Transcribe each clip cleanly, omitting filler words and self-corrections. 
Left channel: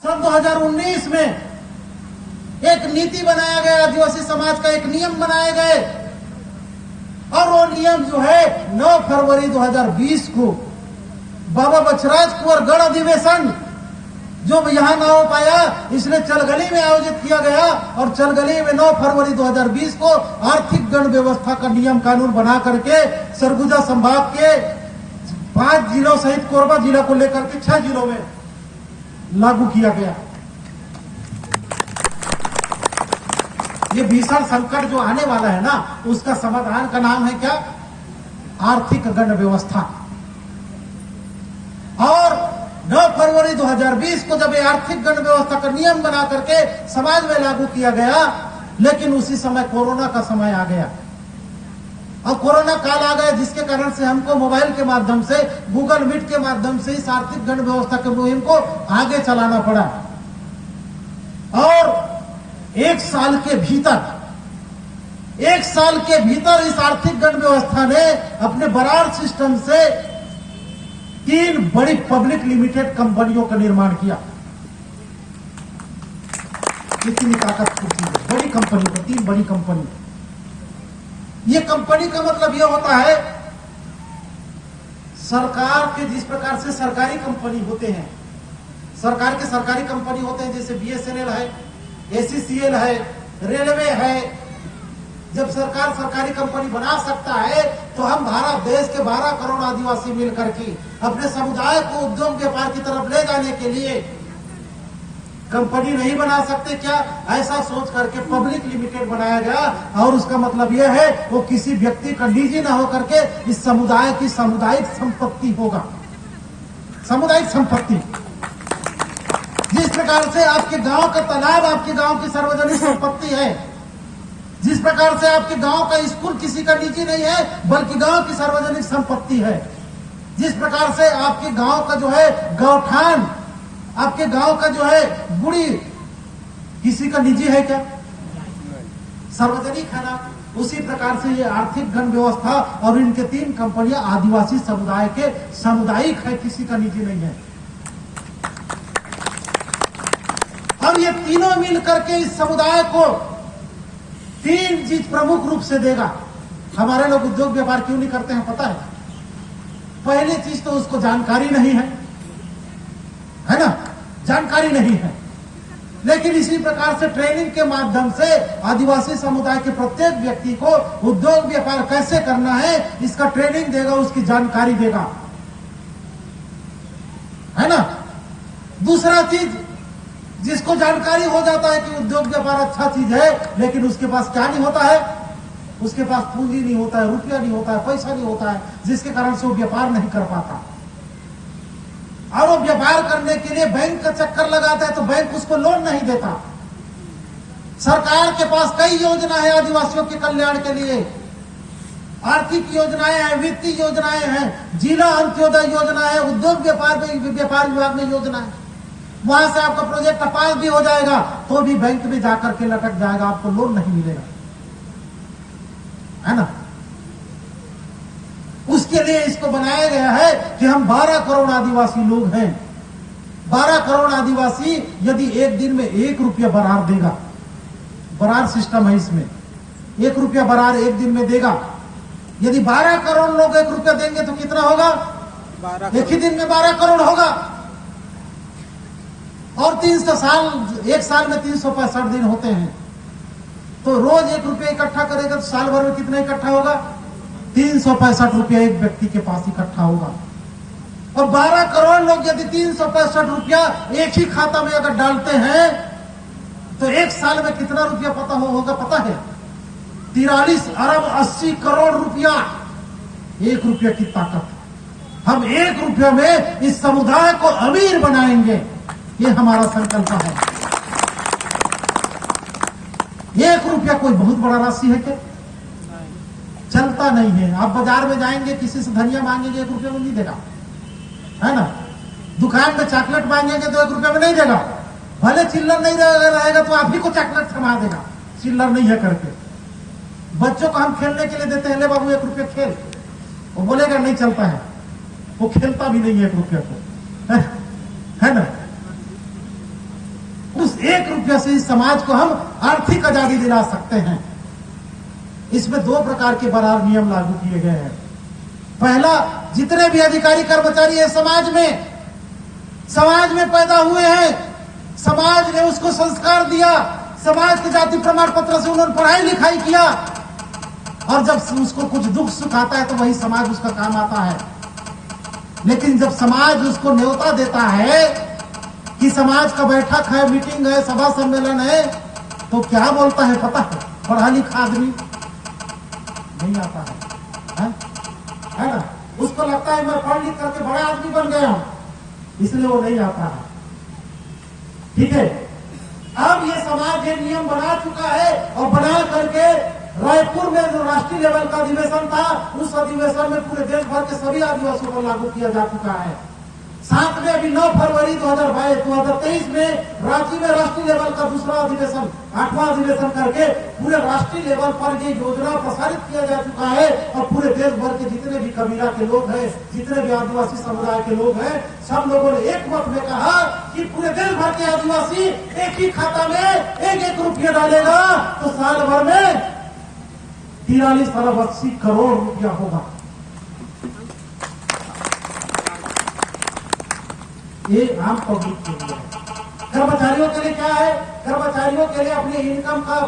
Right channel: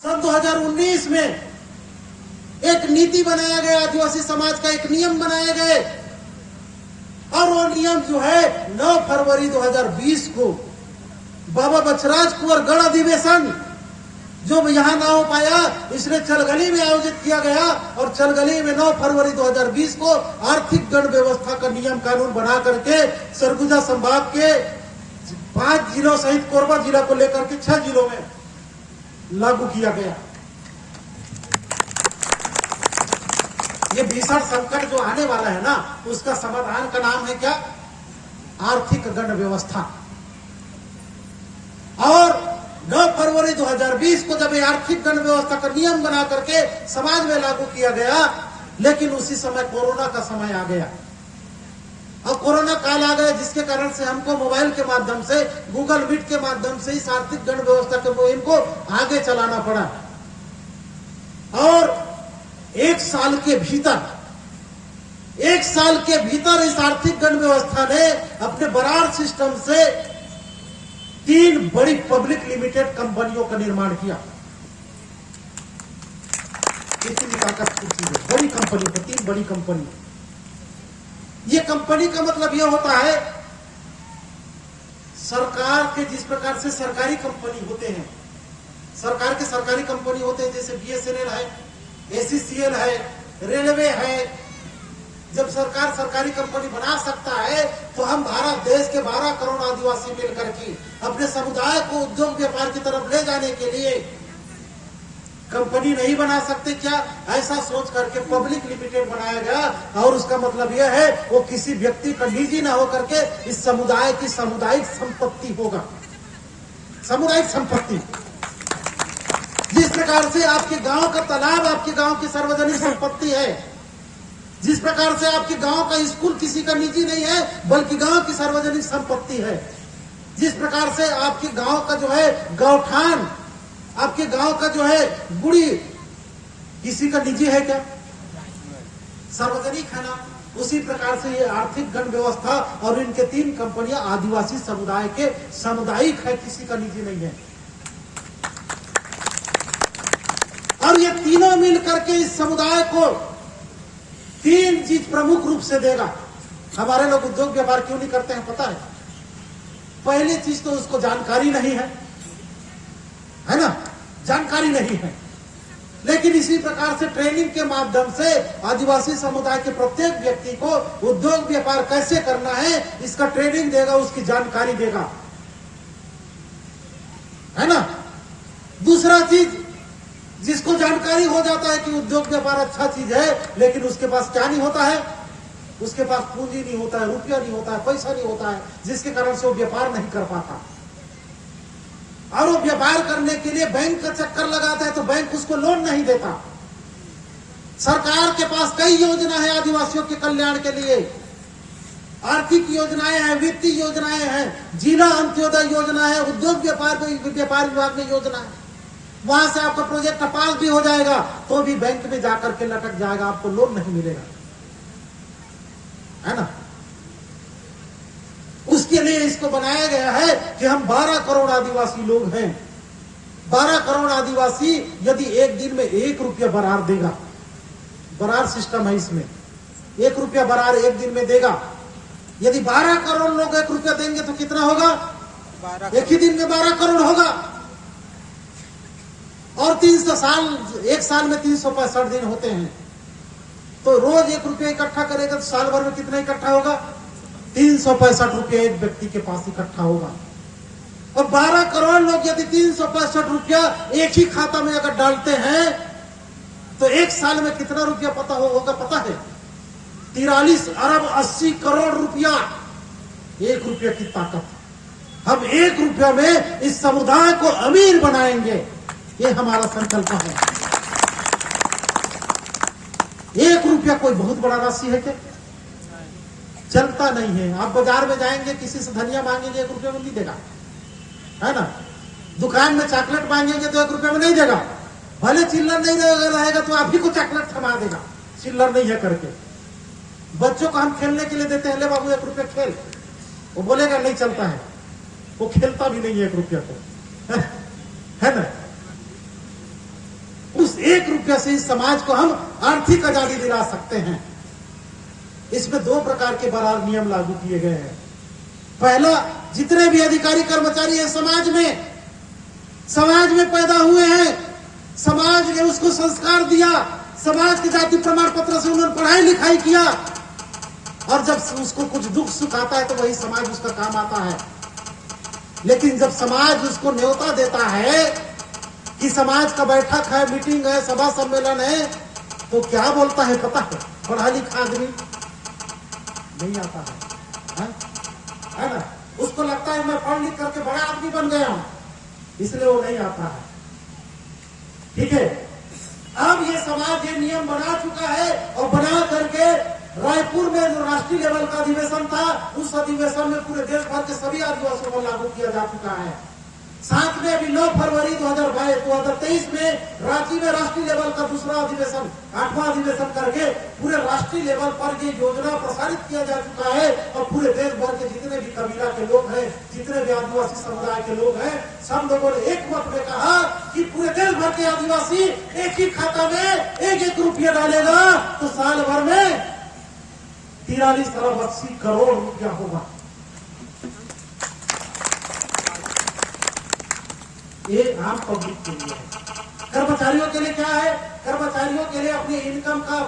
सन 2019 में एक नीति बनाया गया, आदिवासी समाज का एक नियम बनाए गए और वो नियम जो है 9 फरवरी 2020 को बाबा बछराज कुंवर गढ़ अधिवेशन जो यहाँ ना हो पाया, इसलिए चलगली में आयोजित किया गया और चलगली में 9 फरवरी 2020 को आर्थिक गण व्यवस्था का नियम कानून बना करके सरगुजा संभाग के 5 जिलों सहित कोरबा जिला को लेकर के 6 जिलों में लागू किया गया। ये भीषण संकट जो आने वाला है ना, उसका समाधान का नाम है क्या? आर्थिक गण व्यवस्था। और 9 फरवरी 2020 को जब ये आर्थिक गण व्यवस्था का नियम बना करके समाज में लागू किया गया, लेकिन उसी समय कोरोना का समय आ गया और कोरोना काल आ गया, जिसके कारण से हमको मोबाइल के माध्यम से, गूगल मीट के माध्यम से इस आर्थिक गण व्यवस्था के मुहिम को आगे चलाना पड़ा। और एक साल के भीतर इस आर्थिक गण व्यवस्था ने अपने बरार सिस्टम से 3 बड़ी पब्लिक लिमिटेड कंपनियों का निर्माण किया। कितनी ताकतवर चीज है, बड़ी कंपनी को 3 बड़ी कंपनी। ये कंपनी का मतलब यह होता है, सरकार के जिस प्रकार से सरकारी कंपनी होते हैं, सरकार के सरकारी कंपनी होते हैं, जैसे BSNL है, ACCL है, रेलवे है। जब सरकार सरकारी कंपनी बना सकता है तो हम भारत देश के 12 करोड़ आदिवासी मिलकर के अपने समुदाय को उद्योग व्यापार की तरफ ले जाने के लिए कंपनी नहीं बना सकते क्या? ऐसा सोच करके पब्लिक लिमिटेड बनाया गया। और उसका मतलब यह है, वो किसी व्यक्ति का निजी न होकर के इस समुदाय की सामुदायिक संपत्ति होगा। सामुदायिक संपत्ति, जिस प्रकार से आपके गांव का तालाब आपके गांव की सार्वजनिक संपत्ति है, जिस प्रकार से आपके गांव का स्कूल किसी का निजी नहीं है बल्कि गांव की सार्वजनिक संपत्ति है, जिस प्रकार से आपके गांव का जो है गौठान, आपके गांव का जो है बुढ़ी किसी का निजी है क्या? सार्वजनिक है ना। उसी प्रकार से ये आर्थिक गण व्यवस्था और इनके 3 कंपनियां आदिवासी समुदाय के सामुदायिक है, किसी का निजी नहीं है। और ये तीनों मिलकर के इस समुदाय को 3 चीज प्रमुख रूप से देगा। हमारे लोग उद्योग व्यापार क्यों नहीं करते हैं पता है? पहली चीज तो उसको जानकारी नहीं है ना, जानकारी नहीं है। लेकिन इसी प्रकार से ट्रेनिंग के माध्यम से आदिवासी समुदाय के प्रत्येक व्यक्ति को उद्योग व्यापार कैसे करना है इसका ट्रेनिंग देगा, उसकी जानकारी देगा, है ना। दूसरा चीज, जिसको जानकारी हो जाता है कि उद्योग व्यापार अच्छा चीज है, लेकिन उसके पास क्या नहीं होता है? उसके पास पूंजी नहीं होता है, रुपया नहीं होता है, पैसा नहीं होता है, जिसके कारण से वो व्यापार नहीं कर पाता। और वो व्यापार करने के लिए बैंक का चक्कर लगाता है तो बैंक उसको लोन नहीं देता। सरकार के पास कई योजना है आदिवासियों के कल्याण के लिए, आर्थिक योजनाएं हैं, वित्तीय योजनाएं हैं, जिला अंत्योदय योजना है, उद्योग व्यापार विभाग में योजना है। वहां से आपका प्रोजेक्ट पास भी हो जाएगा तो भी बैंक में जाकर के लटक जाएगा, आपको लोन नहीं मिलेगा, है ना। उसके लिए इसको बनाया गया है कि हम 12 करोड़ आदिवासी लोग हैं। 12 करोड़ आदिवासी यदि एक दिन में 1 रुपया बरार देगा, बरार सिस्टम है इसमें, 1 रुपया बरार एक दिन में देगा। यदि 12 करोड़ लोग 1 रुपया देंगे तो कितना होगा? एक ही दिन में 12 करोड़ होगा। और 300 साल, एक साल में 365 दिन होते हैं, तो रोज 1 रुपया इकट्ठा करेगा तो साल भर में कितना इकट्ठा होगा? 365 रुपया एक व्यक्ति के पास इकट्ठा होगा। और 12 करोड़ लोग यदि 365 रुपया एक ही खाता में अगर डालते हैं तो एक साल में कितना रुपया होगा पता है? 43 अरब 80 करोड़ रुपया। 1 रुपया की ताकत। हम 1 रुपया में इस समुदाय को अमीर बनाएंगे, ये हमारा संकल्प है। 1 रुपया कोई बहुत बड़ा राशि है क्या? चलता नहीं है। आप बाजार में जाएंगे, किसी से धनिया मांगेंगे 1 रुपये में नहीं देगा, है ना। दुकान में चॉकलेट मांगेंगे तो 1 रुपये में नहीं देगा। भले चिल्लर नहीं रहेगा तो आप ही को चॉकलेट थमा देगा, चिल्लर नहीं है करके। बच्चों को हम खेलने के लिए देते हैं, ले बाबू 1 रुपये खेल, वो बोलेगा नहीं चलता है, वो खेलता भी नहीं है 1 रुपये को, है ना। उस 1 रुपया से इस समाज को हम आर्थिक आजादी दिला सकते हैं। इसमें 2 प्रकार के बराबर नियम लागू किए गए हैं। पहला, जितने भी अधिकारी कर्मचारी हैं समाज में पैदा हुए हैं, समाज ने उसको संस्कार दिया, समाज के जाति प्रमाण पत्र से उन्होंने पढ़ाई लिखाई किया, और जब उसको कुछ दुख सुख आता है तो वही समाज उसका काम आता है। लेकिन जब समाज उसको न्योता देता है कि समाज का बैठक है, मीटिंग है, सभा सम्मेलन है, तो क्या बोलता है पता है? पढ़ा लिखा आदमी नहीं आता है ना? उसको लगता है मैं पढ़ लिख करके बड़ा आदमी बन गया हूं, इसलिए वो नहीं आता है। ठीक है, अब ये समाज ये नियम बना चुका है, और बना करके रायपुर में जो राष्ट्रीय लेवल का अधिवेशन था, उस अधिवेशन में पूरे देश भर के सभी आदिवासियों को लागू किया जा चुका है। साथ में अभी 9 फरवरी 2023 में रांची में राष्ट्रीय लेवल का दूसरा अधिवेशन, 8वां अधिवेशन करके पूरे राष्ट्रीय लेवल पर ये योजना प्रसारित किया जा चुका है, और पूरे देश भर के जितने भी कबीला के लोग हैं, जितने भी आदिवासी समुदाय के लोग हैं, सब लोगों ने एक वक्त में कहा कि पूरे देश भर के आदिवासी एक ही खाता में 1-1 रुपया डालेगा तो साल भर में 43 अरब 80 करोड़ रुपया होगा। ये आम पब्लिक के लिए है। कर्मचारियों के लिए क्या है? कर्मचारियों के लिए अपने इनकम का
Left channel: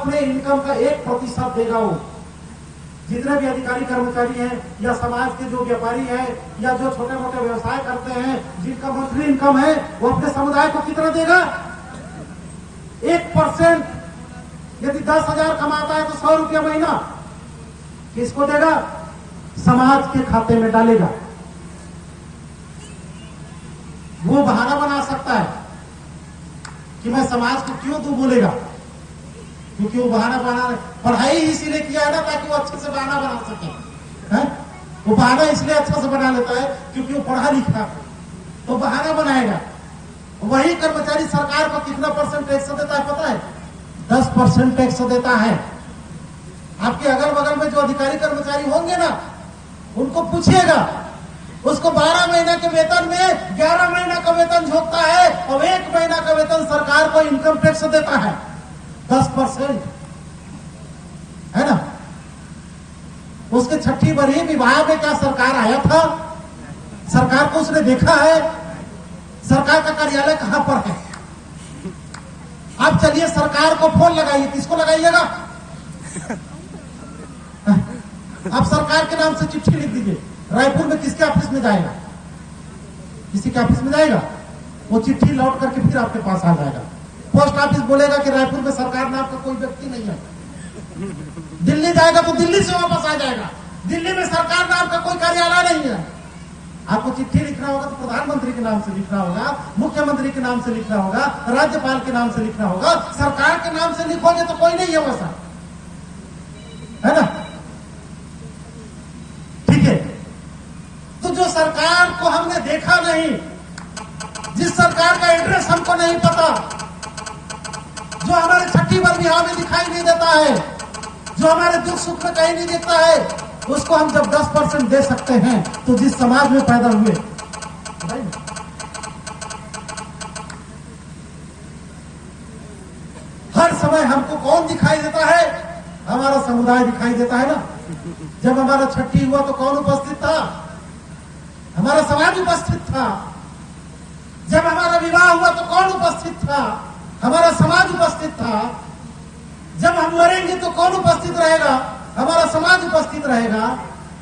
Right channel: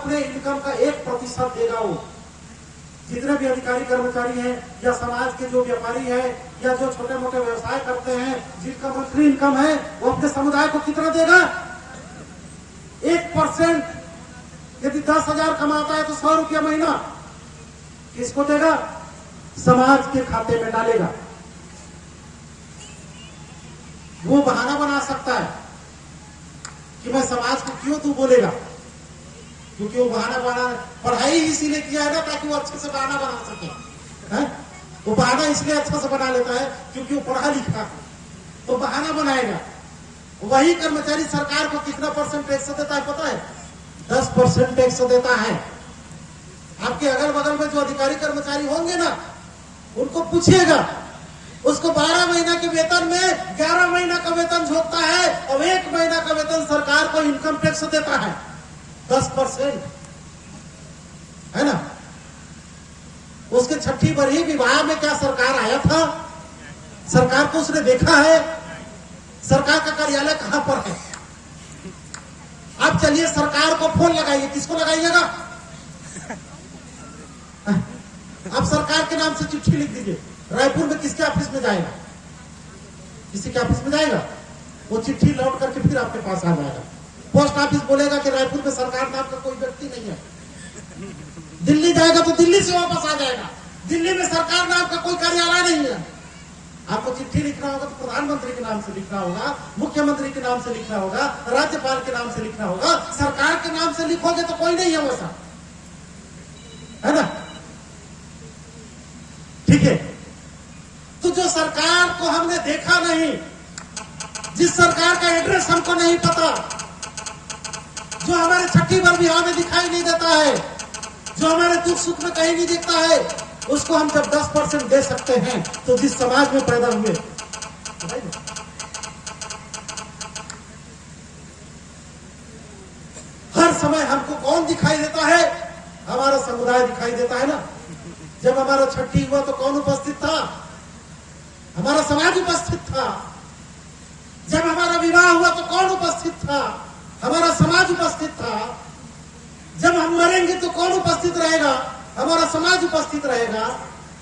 1% देगा वो। जितने भी अधिकारी कर्मचारी हैं, या समाज के जो व्यापारी हैं, या जो छोटे मोटे व्यवसाय करते हैं, जिनका मंथली इनकम है, वो अपने समुदाय को कितना देगा? 1%। यदि 10,000 कमाता है तो 100 रुपया महीना किसको देगा? समाज के खाते में डालेगा। वो बहाना बना सकता है कि मैं समाज को क्यों तू बोलेगा, क्योंकि वो बहाना पढ़ाई इसीलिए किया है ना, ताकि वो अच्छे से बहाना बना सके। है? वो बहाना इसलिए अच्छा से बना लेता है क्योंकि वो पढ़ा लिखा है, तो बहाना बनाएगा। वही कर्मचारी सरकार को कितना % टैक्स देता है पता है? 10% टैक्स देता है। आपके अगल बगल में जो अधिकारी कर्मचारी होंगे ना, उनको पूछिएगा, उसको 12 महीना के वेतन में 11 महीना का वेतन झोंकता है, और 1 महीना का वेतन सरकार को इनकम टैक्स देता है 10%, है ना? उसके छठी बरही विवाह में क्या सरकार आया था? सरकार को उसने देखा है? सरकार का कार्यालय कहां पर है? अब चलिए सरकार को फोन लगाइए, किसको लगाइएगा? आप सरकार के नाम से चिट्ठी लिख दीजिए। रायपुर में किसके ऑफिस में जाएगा? किसी के ऑफिस में जाएगा, वो चिट्ठी लौट करके फिर आपके पास आ जाएगा। पोस्ट ऑफिस बोलेगा कि रायपुर में सरकार नाम का कोई व्यक्ति नहीं है। दिल्ली जाएगा तो दिल्ली से वापस आ जाएगा, दिल्ली में सरकार नाम का कोई कार्यालय नहीं है। आपको चिट्ठी लिखना होगा तो प्रधानमंत्री के नाम से लिखना होगा, मुख्यमंत्री के नाम से लिखना होगा, राज्यपाल के नाम से लिखना होगा। सरकार के नाम से लिखोगे तो कोई नहीं है वैसा, है ना? ठीक है, तो जो सरकार को हमने देखा नहीं, जिस सरकार का एड्रेस हमको नहीं पता, जो हमारे छठी बार बिहार में दिखाई नहीं देता है, जो हमारे दुख सुख में कहीं नहीं दिखता है, उसको हम जब 10% दे सकते हैं तो जिस समाज में पैदा हुए, हर समय हमको कौन दिखाई देता है? हमारा समुदाय दिखाई देता है ना। जब हमारा छठी हुआ तो कौन उपस्थित था? हमारा समाज उपस्थित था। जब हमारा विवाह हुआ तो कौन उपस्थित था? हमारा समाज उपस्थित था। जब हम मरेंगे तो कौन उपस्थित रहेगा? हमारा समाज उपस्थित रहेगा।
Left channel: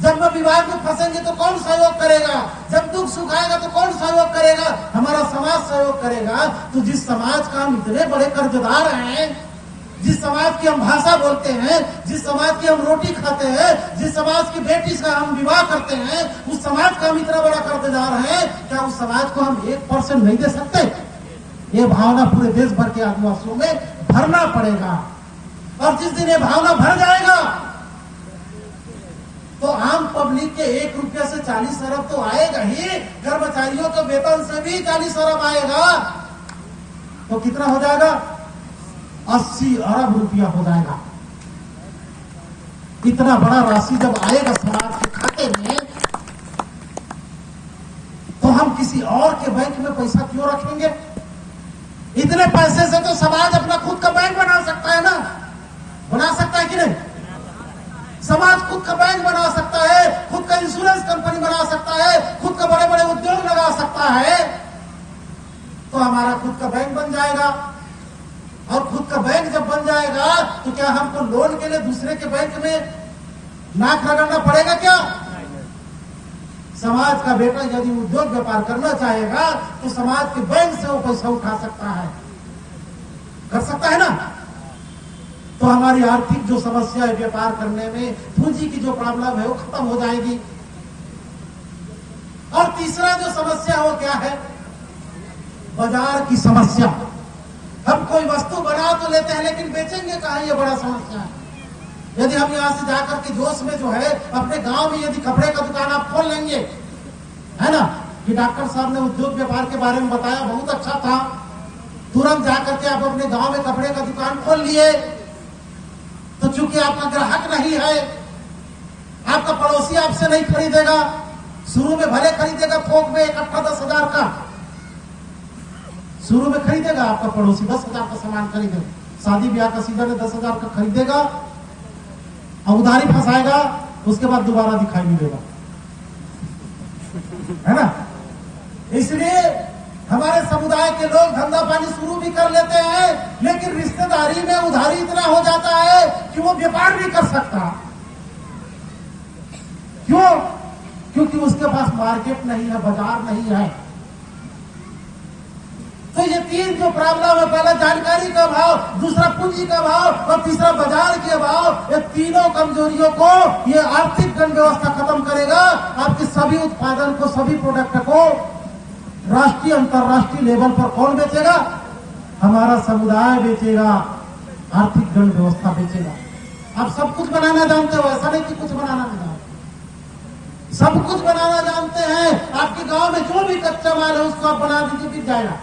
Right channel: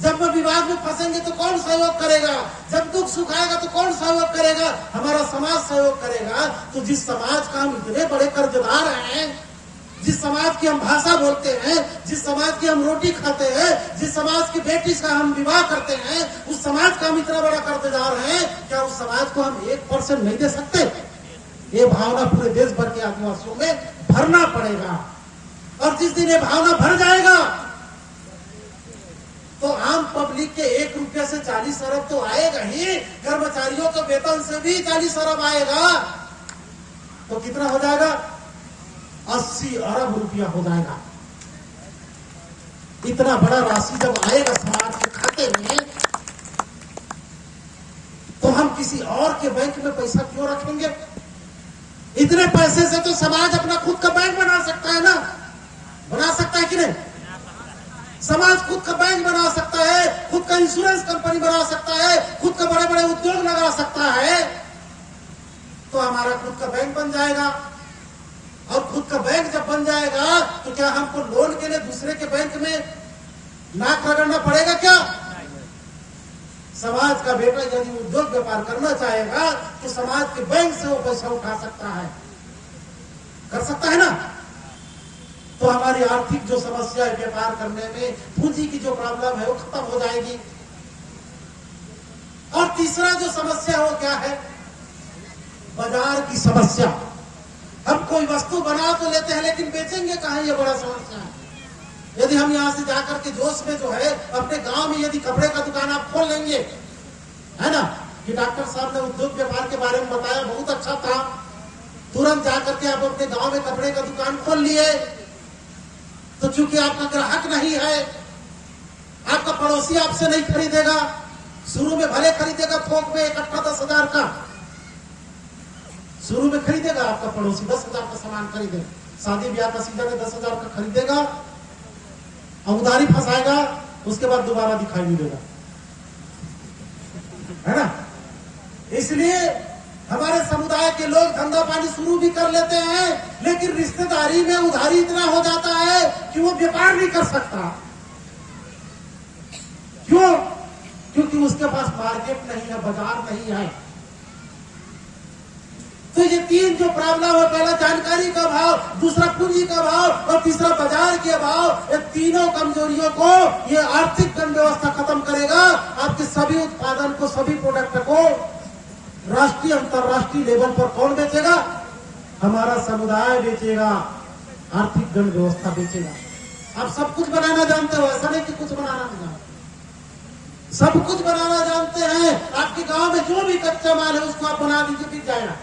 जब हम विवाद में फंसेंगे तो कौन सहयोग करेगा? जब दुख सुख आएगा तो कौन सहयोग करेगा? हमारा समाज सहयोग करेगा। तो जिस समाज का हम इतने बड़े कर्जदार हैं, जिस समाज की हम भाषा बोलते हैं, जिस समाज की हम रोटी खाते हैं, जिस समाज की बेटी से हम विवाह करते हैं, उस समाज का हम इतना बड़ा कर्जदार हैं, क्या उस समाज को हम 1% नहीं दे सकते? ये भावना पूरे देश भर के आदिवासियों में भरना पड़ेगा, और जिस दिन ये भावना भर जाएगा तो आम पब्लिक के 1 रुपया से 40 अरब तो आएगा ही, कर्मचारियों के वेतन से भी 40 अरब आएगा, तो कितना हो जाएगा? 80 अरब रुपया हो जाएगा। इतना बड़ा राशि जब आएगा समाज के खाते में, तो हम किसी और के बैंक में पैसा क्यों रखेंगे? इतने पैसे से तो समाज अपना खुद का बैंक बना सकता है ना, बना सकता है कि नहीं? समाज खुद का बैंक बना सकता है, खुद का इंश्योरेंस कंपनी बना सकता है, खुद का बड़े बड़े उद्योग लगा सकता है। तो हमारा खुद का बैंक बन जाएगा, और खुद का बैंक जब बन जाएगा तो क्या हमको लोन के लिए दूसरे के बैंक में नाक रगड़ना पड़ेगा क्या? समाज का बेटा यदि उद्योग व्यापार करना चाहेगा तो समाज के बैंक से वो पैसा उठा सकता है, कर सकता है ना। तो हमारी आर्थिक जो समस्या है व्यापार करने में, पूंजी की जो प्रॉब्लम है वो खत्म हो जाएगी। और तीसरा जो समस्या है वो क्या है? बाजार की समस्या। हम कोई वस्तु बना तो लेते हैं लेकिन बेचेंगे कहाँ, ये बड़ा समस्या है। यदि हम यहाँ से जाकर के जोश में जो है अपने गांव में यदि कपड़े का दुकान आप खोल लेंगे, है ना, कि डॉक्टर साहब ने उद्योग व्यापार के बारे में बताया, बहुत अच्छा था, तुरंत जाकर के आप अपने गांव में कपड़े का दुकान खोल लिए, तो चूंकि आपका ग्राहक नहीं है, आपका पड़ोसी आपसे नहीं खरीदेगा, शुरू में भले खरीदेगा थोक में इकट्ठा 10,000 का, शुरू में खरीदेगा आपका पड़ोसी 10,000 का सामान खरीदेगा, शादी ब्याह का सीजन में 10,000 का खरीदेगा और उधारी फंसाएगा, उसके बाद दोबारा दिखाई नहीं देगा, है ना। इसलिए हमारे समुदाय के लोग धंधा पानी शुरू भी कर लेते हैं, लेकिन रिश्तेदारी में उधारी इतना हो जाता है कि वो व्यापार नहीं कर सकता। क्यों? क्योंकि उसके पास मार्केट नहीं है, बाजार नहीं है। तो ये तीन जो प्रॉब्लम है, पहला जानकारी का अभाव, दूसरा पूंजी का अभाव और तीसरा बाजार के अभाव, ये तीनों कमजोरियों को ये आर्थिक गण व्यवस्था खत्म करेगा। आपके सभी उत्पादन को, सभी प्रोडक्ट को राष्ट्रीय अंतर्राष्ट्रीय लेवल पर कौन बेचेगा? हमारा समुदाय बेचेगा, आर्थिक गण व्यवस्था बेचेगा। आप सब कुछ बनाना जानते हो, ऐसा नहीं कि कुछ बनाना नहीं जानते, सब कुछ बनाना जानते हैं। आपके गांव में जो भी कच्चा माल है उसको आप बना दीजिए, बिक जाएगा।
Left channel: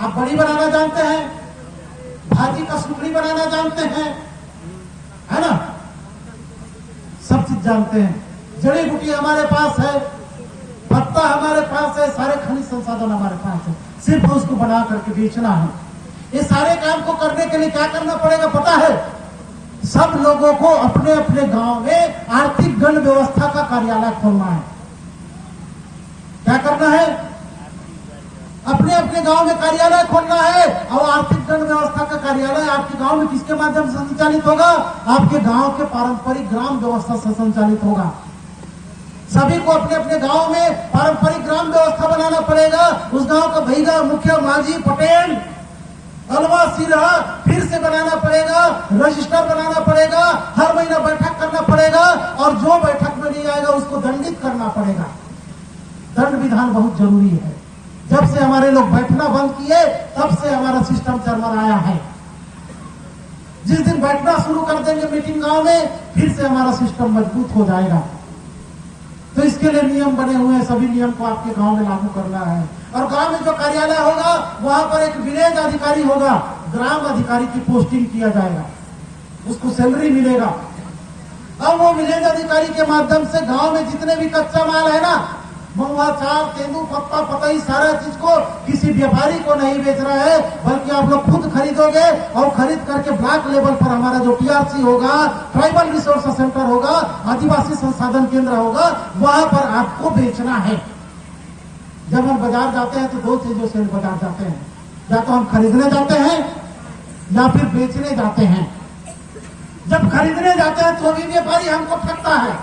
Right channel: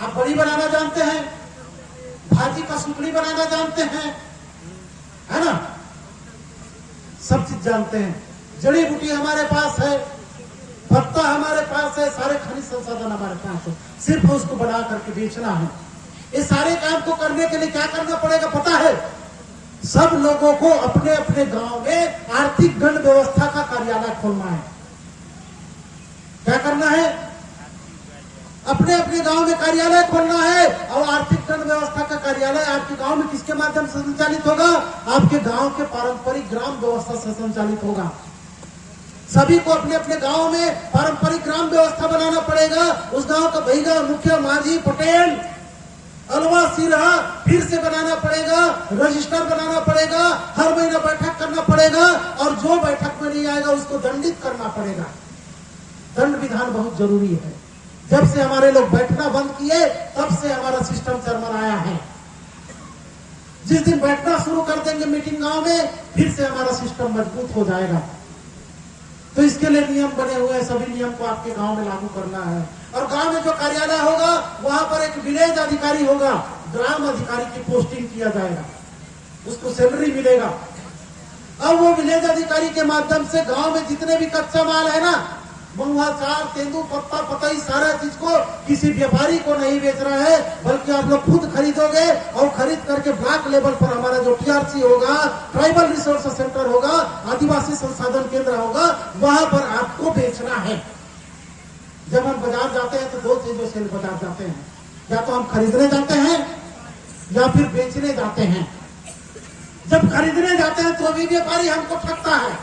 आप बड़ी बनाना जानते हैं, भाजी का सुकड़ी बनाना जानते हैं, है ना, सब चीज जानते हैं। जड़ी बूटी हमारे पास है, पत्ता हमारे पास है, सारे खनिज संसाधन हमारे पास है, सिर्फ उसको बना करके बेचना है। ये सारे काम को करने के लिए क्या करना पड़ेगा पता है? सब लोगों को अपने अपने गांव में आर्थिक गण व्यवस्था का कार्यालय खोलना है। क्या करना है? अपने अपने गांव में कार्यालय खोलना है। और आर्थिक गण व्यवस्था का कार्यालय आपके गांव में किसके माध्यम से संचालित होगा? आपके गांव के पारंपरिक ग्राम व्यवस्था से संचालित होगा। सभी को अपने अपने गांव में पारंपरिक ग्राम व्यवस्था बनाना पड़ेगा। उस गांव का भैया, मुखिया, मांझी, पटेल, अलवा, सिरहा फिर से बनाना पड़ेगा, रजिस्टर बनाना पड़ेगा, हर महीना बैठक करना पड़ेगा, और जो बैठक में नहीं आएगा उसको दंडित करना पड़ेगा। दंड विधान बहुत जरूरी है। जब से हमारे लोग बैठना बंद किए तब से हमारा सिस्टम चरमराया है। जिस दिन बैठना शुरू कर देंगे मीटिंग गांव में, फिर से हमारा सिस्टम मजबूत हो जाएगा। तो इसके लिए नियम बने हुए हैं, सभी नियम को आपके गांव में लागू करना है। और गांव में जो कार्यालय होगा वहां पर एक विलेज अधिकारी होगा, ग्राम अधिकारी की पोस्टिंग किया जाएगा, उसको सैलरी मिलेगा। अब वो विलेज अधिकारी के माध्यम से गांव में जितने भी कच्चा माल है ना, महुआ, चाल, तेंदू, पत्ता, पतई, सारा चीज को किसी व्यापारी को नहीं बेच रहा है, बल्कि आप लोग खुद खरीदोगे और खरीद करके ब्लॉक लेवल पर हमारा जो टीआरसी होगा, ट्राइबल रिसोर्स सेंटर होगा, आदिवासी संसाधन केंद्र होगा, वहां पर आपको बेचना है। जब हम बाजार जाते हैं तो दो चीजों से बाजार जाते हैं, या तो हम खरीदने जाते हैं या फिर बेचने जाते हैं। जब खरीदने जाते हैं तो भी व्यापारी हमको ठगता है,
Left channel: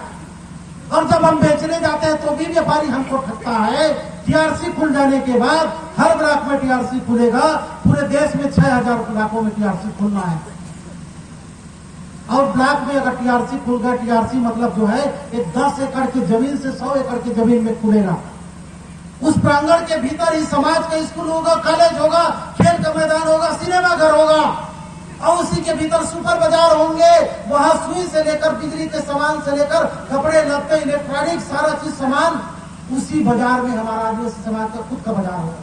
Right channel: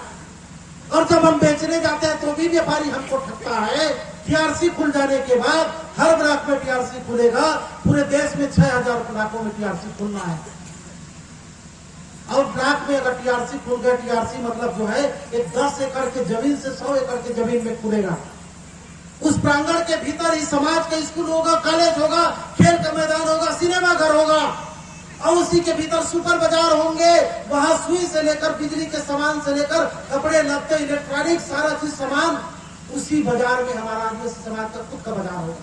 और जब हम बेचने जाते हैं तो भी व्यापारी हमको ठगता है। टीआरसी खुल जाने के बाद हर ब्लॉक में टीआरसी खुलेगा, पूरे देश में 6,000 ब्लॉकों में टीआरसी खुलना है। और ब्लॉक में अगर टीआरसी खुल गया, टीआरसी मतलब जो है एक 10 एकड़ की जमीन से 100 एकड़ की जमीन में खुलेगा। उस प्रांगण के भीतर ही समाज का स्कूल होगा, कॉलेज होगा, खेल का मैदान होगा, सिनेमा घर होगा, और उसी के भीतर सुपर बाजार होंगे। वहां सुई से लेकर बिजली के सामान से लेकर कपड़े, लत्ते, इलेक्ट्रॉनिक, सारा चीज सामान उसी बाजार में हमारा आदिवासी समाज का खुद का बाजार होगा।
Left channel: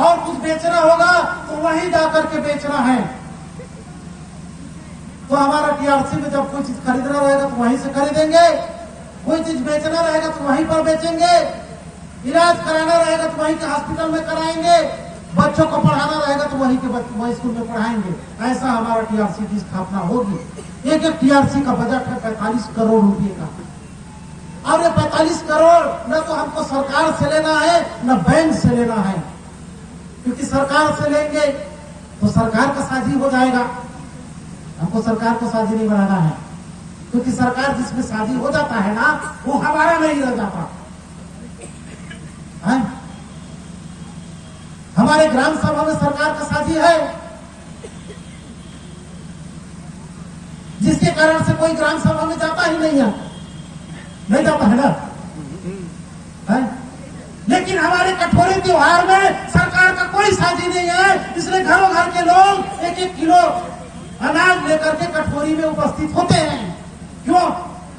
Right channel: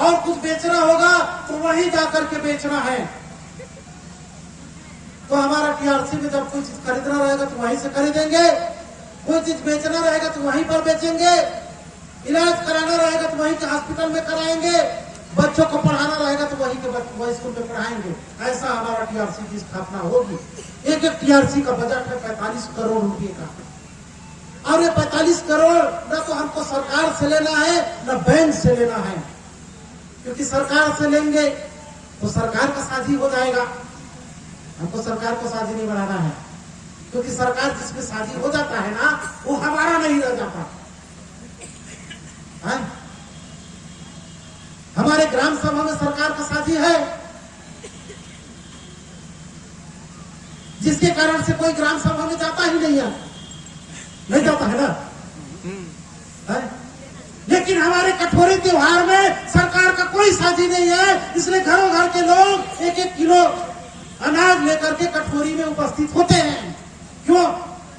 और कुछ बेचना होगा तो वहीं जाकर के बेचना है। तो हमारा टीआरसी में जब कोई चीज खरीदना रहेगा तो वहीं से खरीदेंगे, कोई चीज बेचना रहेगा तो वहीं पर बेचेंगे। इलाज कराना रहेगा तो वहीं के हॉस्पिटल में कराएंगे, बच्चों को पढ़ाना रहेगा तो वहीं के स्कूल में पढ़ाएंगे। ऐसा हमारा टीआरसी की स्थापना होगी। एक टीआरसी का बजट है 45 करोड़ रुपए का, और ये 45 करोड़ न तो हमको सरकार से लेना है न बैंक से लेना है, क्योंकि सरकार से लेंगे तो सरकार का साझी हो जाएगा। हमको सरकार को साझी नहीं बढ़ाना है, क्योंकि सरकार जिसमें साझी हो जाता है ना वो हमारा नहीं रह जाता है। हमारे ग्राम सभा में सरकार का साझी है, जिसके कारण से कोई ग्राम सभा में जाता ही नहीं है, नहीं जाता है ना है? लेकिन हमारे कठोरी त्योहार में सरकार का कोई साझी नहीं है, इसलिए घरों घर के लोग एक एक किलो अनाज लेकर के कठोरी में उपस्थित होते हैं। क्यों?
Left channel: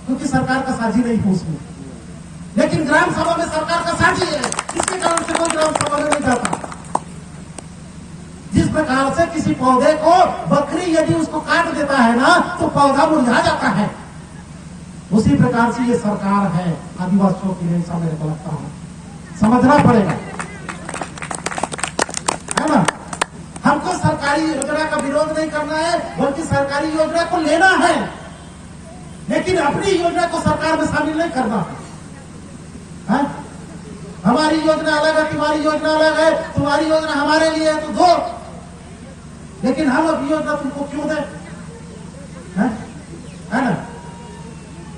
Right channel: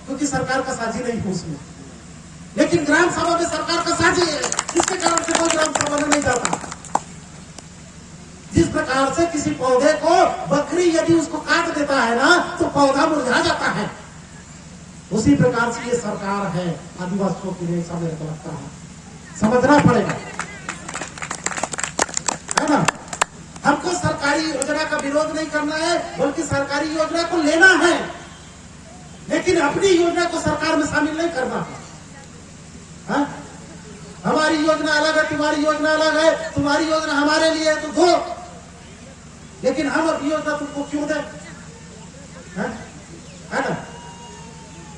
क्योंकि सरकार का साझी नहीं है उसमें। लेकिन ग्राम सभा में सरकार का साझी है, इसके कारण से कोई ग्राम सभा में नहीं जाता। जिस प्रकार से किसी पौधे को बकरी यदि उसको काट देता है ना तो पौधा मुरझा जाता है, उसी प्रकार से ये सरकार है आदिवासियों के लिए। सब मेरे को लगता है समझना पड़ेगा, है ना। हमको सरकारी योजना का विरोध नहीं करना है, बल्कि सरकारी योजना को लेना है, लेकिन अपनी योजना को सरकार में शामिल नहीं करना है। हमारी योजना अलग है, तुम्हारी योजना अलग है, तुम्हारी योजना हमारे लिए है तो दो, लेकिन हम अपनी योजना तुमको क्यों दें? है ना।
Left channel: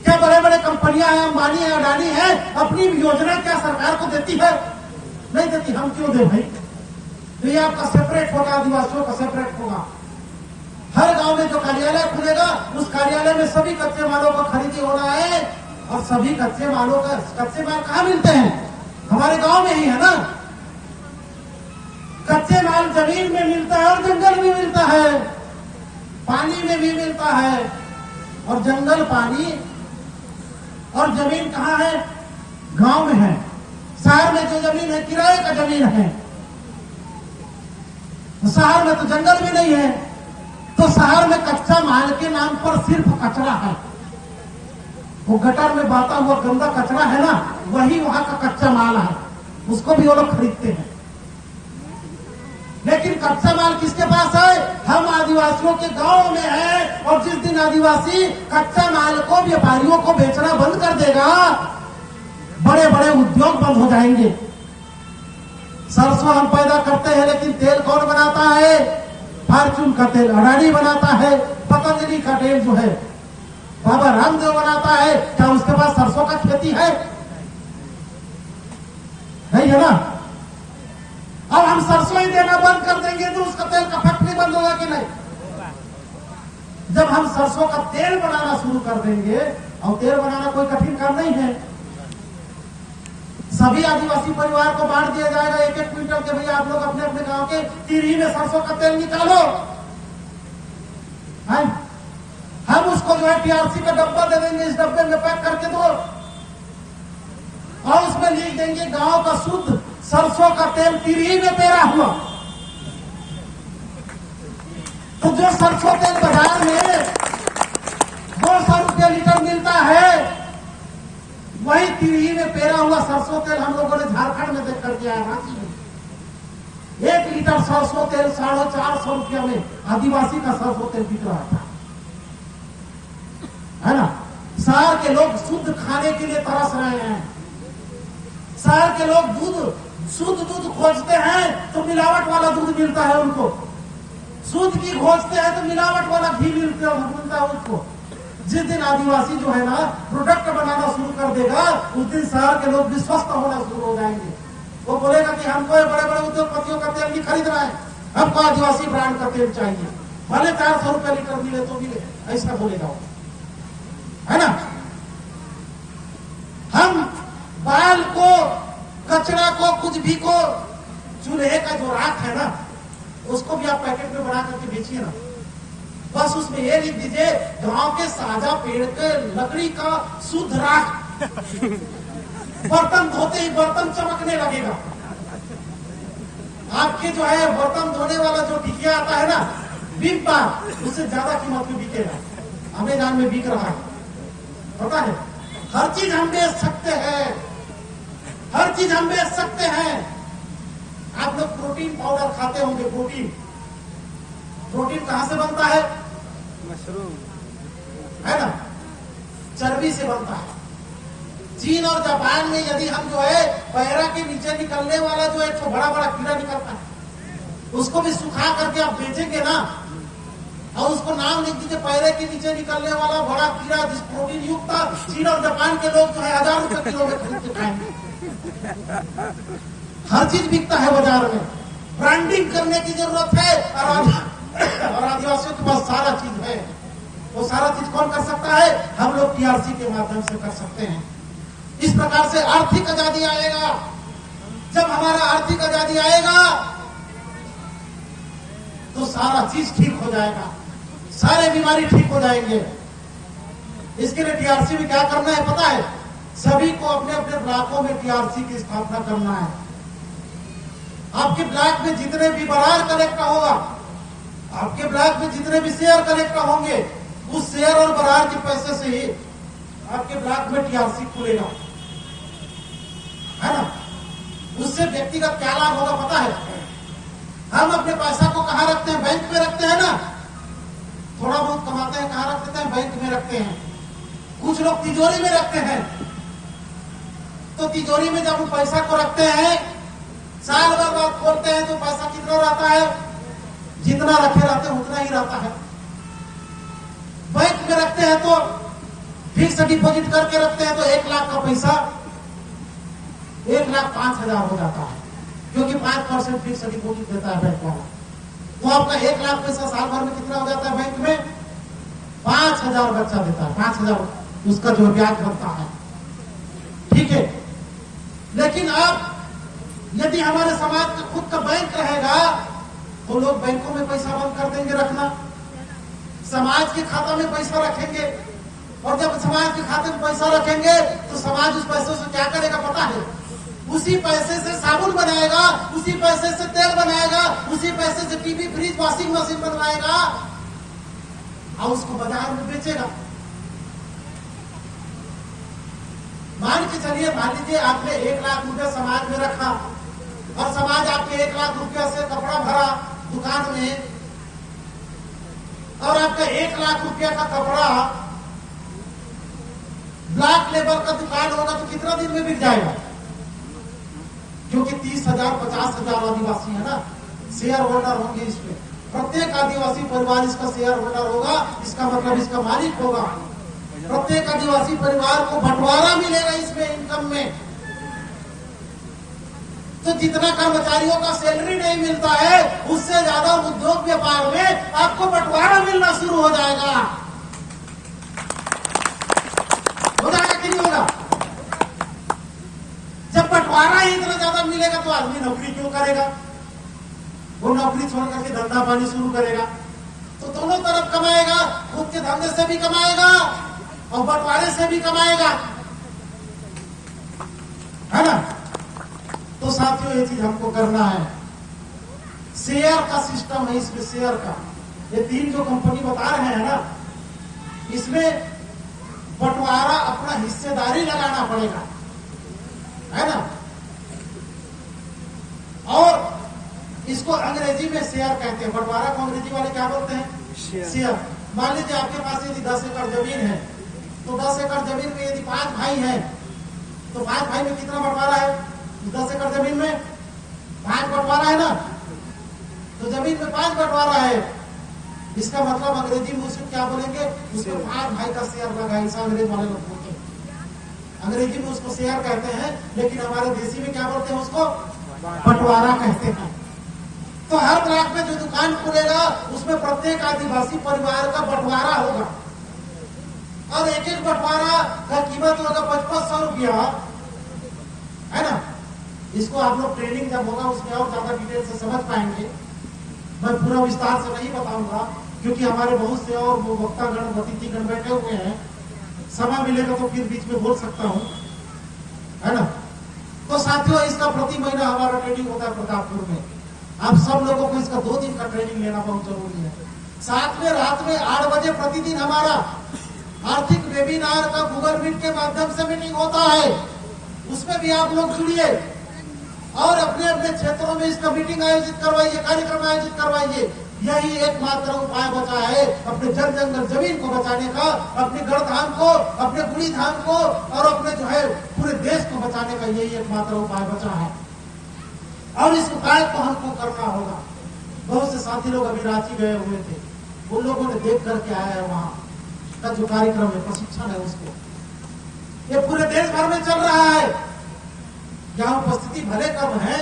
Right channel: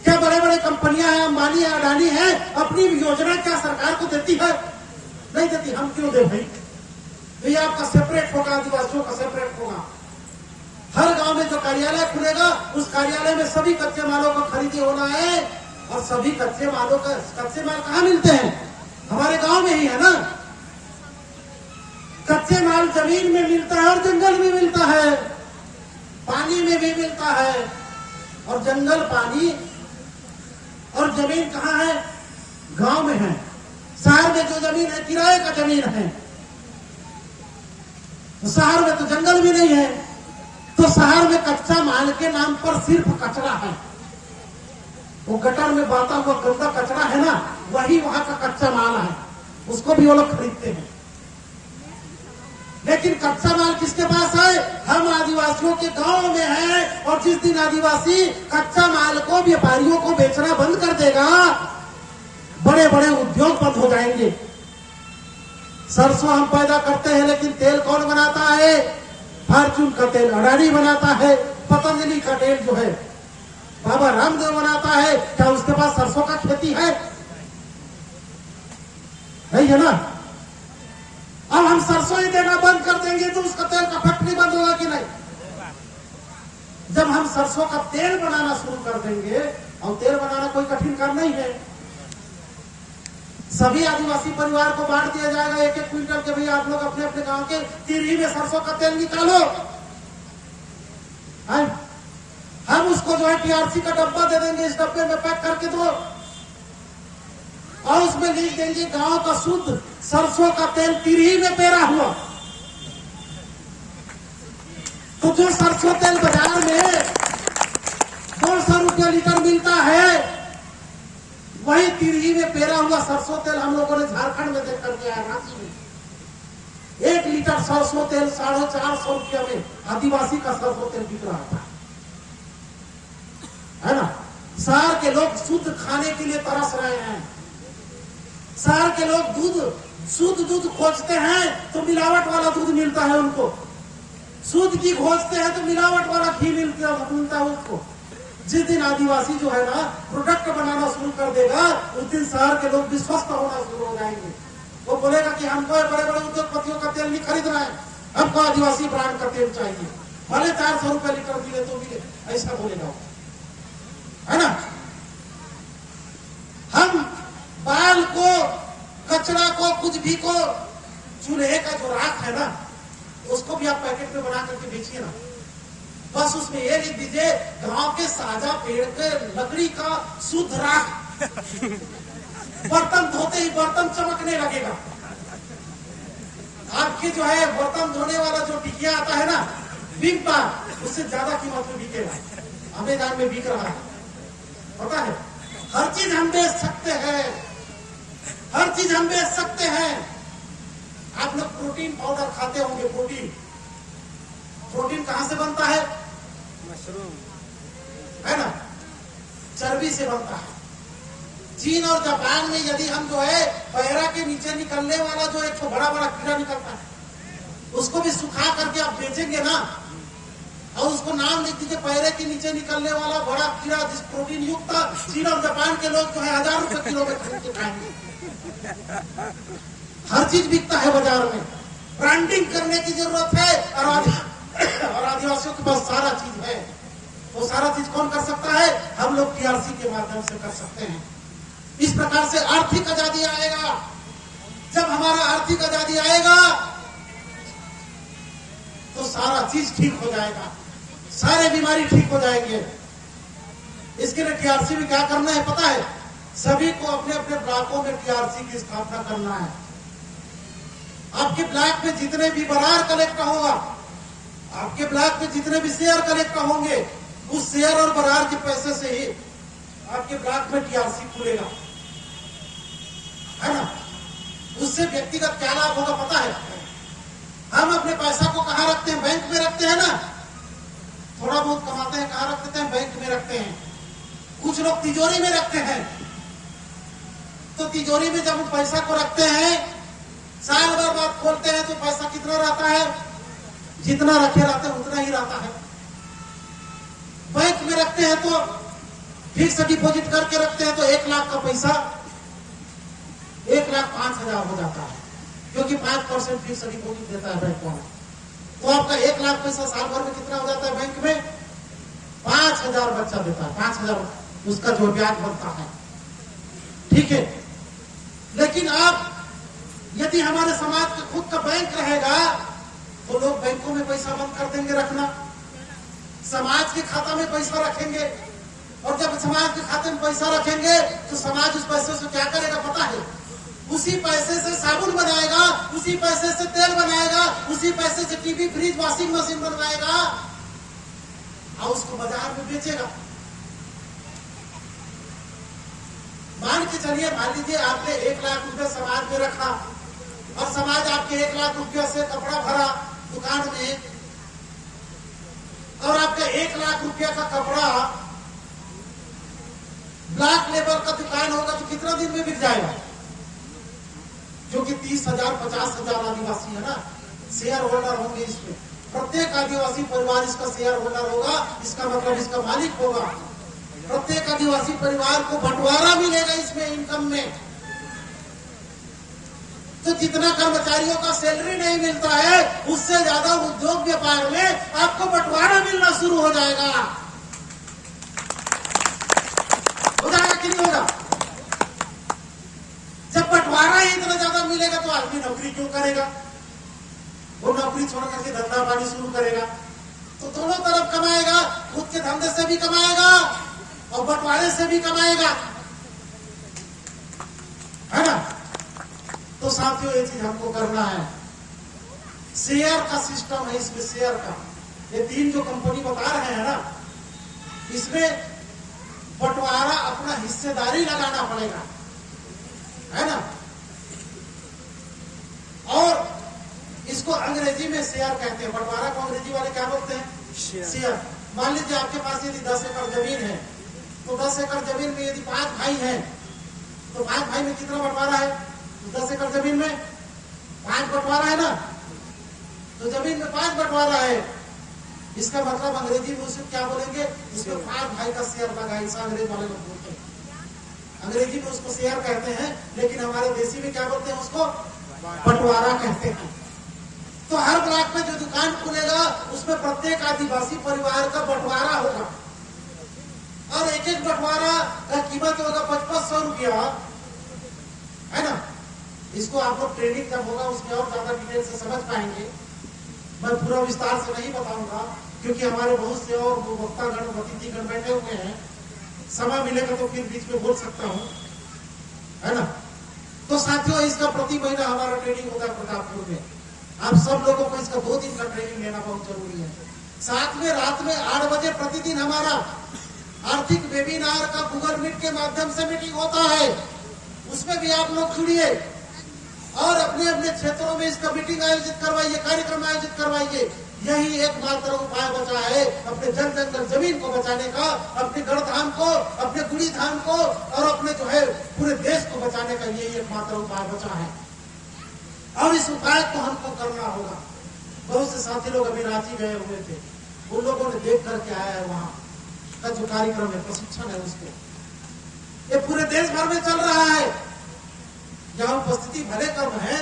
क्या बड़े बड़े कंपनियां हैं, अंबानी है, अडानी है, अपनी योजना क्या सरकार को देती है? नहीं देती। हम क्यों दे भाई? तो ये आपका सेपरेट होगा, आदिवासियों का सेपरेट होगा। हर गांव में जो कार्यालय खुलेगा उस कार्यालय में सभी कच्चे मालों का खरीदी होना है, और सभी कच्चे माल कहाँ मिलते हैं? हमारे गांव में ही है ना। कच्चे माल जमीन में मिलता है और जंगल में मिलता है, पानी में भी मिलता है। और जंगल, पानी और जमीन कहाँ है? गांव में है। शहर में जो जमीन है किराए का जमीन है, तो शहर में तो जंगल भी नहीं है, तो शहर में कच्चा माल के नाम पर सिर्फ कचरा है। वो गटर में बहता हुआ गंदा कचरा है ना, वही वहां का कच्चा माल है, उसको भी वो लोग खरीदते हैं। लेकिन कच्चा माल किसके पास है? हम आदिवासियों के गांव में है। और जिस दिन आदिवासी कच्चा माल को व्यापारियों को बेचना बंद कर देगा, बड़े बड़े उद्योग बंद हो जाएंगे। सरसों हम पैदा करते हैं, लेकिन तेल कौन बनाता है? फॉर्चून का तेल अडानी बनाता है। पतंजलि का तेल जो है बाबा रामदेव बनाता है। क्या उसके पास सरसों का खेती है? नहीं है ना। अब हम सरसों ही देना बंद कर देंगे तो उसका तेल का फैक्ट्री बंद होगा कि नहीं? जब हम सरसों का तेल बनाना शुरू कर देंगे, और तेल बनाना कोई कठिन काम नहीं है, सभी आदिवासी परिवार को बांट दिया जाएगा एक एक क्विंटल के, भैया आप लोग अपने अपने गांव के तिरही में सरसों का तेल निकालो। हम उसको जो है टीआरसी का डब्बा दे देंगे, इस डब्बे में पैक करके दो, और उसमें लिख देंगे गांव का शुद्ध सरसों का तेल तिरही में पेरा हुआ। तो जो सरसों तेल बाजार में 200 रुपये लीटर मिलता है, वही तिरही में पेरा हुआ सरसों तेल हम लोगों ने झारखंड में देख करके आया। रांची में 1 लीटर सरसों तेल 450 रुपया में आदिवासी का सरसों तेल बिक रहा था, है ना। शहर के लोग शुद्ध खाने के लिए तरस रहे हैं। शहर के लोग शुद्ध दूध खोजते हैं तो मिलावट वाला दूध मिलता है उनको, शुद्ध घी खोजते हैं तो मिलावट वाला घी मिलता है उसको। जिस दिन आदिवासी जो है ना प्रोडक्ट बनाना शुरू कर देगा, उस दिन शहर के लोग भी स्वस्थ होना शुरू हो जाएंगे। वो बोलेगा कि हमको बड़े बड़े उद्योगपतियों का तेल नहीं खरीदना है, हमको आदिवासी ब्रांड का तेल चाहिए, भले 400 रुपये लीटर मिले तो मिले, ऐसा बोलेगा वो, है ना। हम बाल को, कचरा को, कुछ भी को, चूल्हे का जो राख है ना, उसको भी आप पैकेट में बना करके बेचिए ना। बस उसमें ये लिख दीजिए गांव के साझा पेड़ पे लकड़ी का शुद्ध राख। बर्तन धोते ही बर्तन चमकने लगेगा। आपके जो है बर्तन धोने वाला जो टिकिया आता है ना, बिग बार, उससे ज्यादा कीमत में बिकेगा। अमेज़न में बिक रहा है, पता है। हर चीज हम बेच सकते हैं, हर चीज हम बेच सकते हैं। आप लोग प्रोटीन पाउडर खाते होंगे। प्रोटीन कहां से बनता है? मशरूम है ना, चर्बी से बनता है। चीन और जापान में यदि हम जो है पैरा के नीचे निकलने वाला जो एक बड़ा बड़ा कीड़ा निकलता है, उसको भी सुखा करके आप बेचेंगे ना, और उसको नाम लिख दीजिए पैरे के नीचे निकलने वाला बड़ा कीड़ा जिस प्रोटीन युक्त था। चीन और जापान के लोग जो है 1000 रुपए किलो में खरीद के खाएंगे। हर चीज बिकता है बाजार में। ब्रांडिंग करने की जरूरत है, और आदिवासियों के पास सारा चीज है। वो सारा चीज कौन कर सकता है? हम लोग टीआरसी के माध्यम से कर सकते हैं। इस प्रकार से आर्थिक आजादी आएगा। जब हमारा आर्थिक आजादी आएगा तो सारा चीज ठीक हो जाएगा, सारे बीमारी ठीक हो जाएंगे। इसके लिए टीआरसी में क्या करना है पता है? सभी को अपने अपने ब्लॉकों में टीआरसी की स्थापना करना है। आपके ब्लॉक में जितने भी बरार कलेक्टर होगा, आपके ब्लॉक में जितने भी शेयर कलेक्टर होंगे, उस शेयर और बरार के पैसे से ही आपके ब्लॉक में टीआरसी खुलेगा, है ना। उससे व्यक्तिगत क्या लाभ होगा पता है? हम अपने पैसा को कहां रखते हैं? बैंक में रखते हैं ना। थोड़ा बहुत कमाते हैं, कहां रखते हैं? बैंक में रखते हैं। कुछ लोग तिजोरी में रखते हैं। तो तिजोरी में जब हम पैसा को रखते हैं, साल भर बाद खोलते हैं तो पैसा कितना रहता है? जितना रखे रहते हैं उतना ही रहता है। बैंक में रखते हैं तो फिक्स डिपॉजिट करके रखते हैं तो 1 लाख का पैसा 1,05,000 हो जाता है, क्योंकि 5% फिक्स डिपॉजिट देता है बैंक वाला। तो आपका 1 लाख पैसा साल भर में कितना हो जाता है? बैंक में 5,000 बच्चा देता है, 5,000 उसका जो ब्याज बनता है। ठीक है, लेकिन अब यदि हमारे समाज का खुद का बैंक रहेगा तो लोग बैंकों में पैसा बंद कर देंगे रखना, समाज के खाता में पैसा रखेंगे। और जब समाज के खाते में पैसा रखेंगे तो समाज उस पैसे से क्या करेगा पता है? उसी पैसे से साबुन बनाएगा, उसी पैसे से तेल बनाएगा, उसी पैसे से टीवी, फ्रिज, वॉशिंग मशीन बनवाएगा और उसको बाजार में बेचेगा। मान के चलिए, मान लीजिए आपने 1 लाख रुपया समाज में रखा और समाज आपके 1 लाख रुपया से कपड़ा भरा दुकान में, और आपका 1 लाख रुपया का कपड़ा ब्लॉक लेवल का दुकान होगा तो कितना दिन में बिक जाएगा? क्योंकि 30,000 50,000 आदिवासी है ना, शेयर होल्डर होंगे। इसमें प्रत्येक आदिवासी परिवार इसका शेयर होल्डर होगा, इसका मतलब इसका मालिक होगा। प्रत्येक आदिवासी परिवार को बंटवारा मिलेगा इसमें, इनकम में। तो जितना कर्मचारियों का सैलरी नहीं मिलता है, उससे ज्यादा उद्योग व्यापार में आपको बंटवारा मिलना शुरू हो जाएगा। हो जाएगा कि नहीं होगा? जब बंटवारा ही इतना ज्यादा मिलेगा तो आदमी नौकरी क्यों करेगा? वो नौकरी छोड़ करके धंधा पानी शुरू करेगा। तो दोनों तरफ कमाएगा, खुद के धंधे से भी कमाएगा और बंटवारे से भी कमाएगा, है ना। तो साथियों, ये चीज हमको करना है। शेयर का सिस्टम है इसमें, शेयर का। ये 3 जो कंपनी बता रहे हैं ना, इसमें बंटवारा अपना हिस्सेदारी लगाना पड़ेगा, है ना। और इसको अंग्रेजी में शेयर कहते हैं। बंटवारा को अंग्रेजी वाले क्या बोलते हैं? शेयर। मान लीजिए आपके पास यदि 10 एकड़ जमीन है, तो 10 एकड़ जमीन में यदि 5 भाई हैं, तो 5 भाई में कितना बंटवारा है? 10 एकड़ जमीन में 5 बंटवारा है ना। तो जमीन में 5 बंटवारा है, इसका मतलब अंग्रेजी में उसको क्या बोलेंगे? उसमें 5 भाई का शेयर लगा, ऐसा अंग्रेज वाले लोग बोलते हैं। अंग्रेजी में उसको शेयर कहते हैं, लेकिन हमारे देसी में क्या बोलते हैं? उसको बंटवारा कहते हैं। तो हर ब्लॉक में जो दुकान खुलेगा उसमें प्रत्येक आदिवासी परिवार का बंटवारा होगा, और एक एक बंटवारा का कीमत होगा 5500 रुपया, है ना। इसको आप लोग ट्रेनिंग जब होगा उसमें और ज्यादा डिटेल से समझ पाएंगे। मैं पूरा विस्तार से नहीं बताऊंगा, क्योंकि हमारे बहुत से और वक्तागण, अतिथिगण बैठे हुए हैं। समय मिलेगा तो फिर बीच में बोल सकता हूँ, है ना। तो साथियों, इसका प्रति महीना हमारा ट्रेनिंग होता है प्रतापपुर में। आप सब लोगों को इसका 2 दिन का ट्रेनिंग लेना बहुत जरूरी है। साथ में रात में 8 बजे प्रतिदिन हमारा आर्थिक वेबिनार का गूगल मीट के माध्यम से मीटिंग होता है। उसमें भी आप लोग जुड़िए और अपने अपने क्षेत्रों में इसका मीटिंग आयोजित करवाइए, कार्यक्रम आयोजित करवाइए। यही एकमात्र उपाय बचा है अपने जन जंगल जमीन को बचाने का, अपने गढ़धाम को, अपने गुड़ी धाम को और अपने जो है पूरे देश को बचाने का यही एकमात्र उपाय बचा है और इस उपाय को हमको करना होगा। बहुत से साथी लोग अभी रांची गए हुए थे, उन लोगों ने देख करके आया है वहां का जो कार्यक्रम है, प्रशिक्षण है उसके, ये पूरे देश भर में चल रहा है। जहां उपस्थिति भले कम है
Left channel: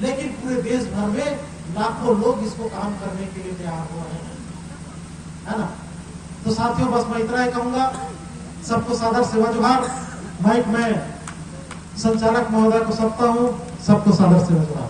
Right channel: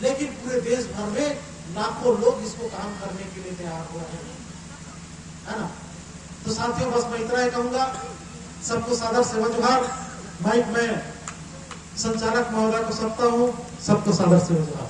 लेकिन पूरे देश भर में लाखों लोग इसको काम करने के लिए तैयार हुए हैं, है ना। तो साथियों बस मैं इतना ही कहूंगा, सबको सादर सेवा जोहार। माइक में संचालक महोदय को सौंपता हूं, सबको सादर सेवा जोहार।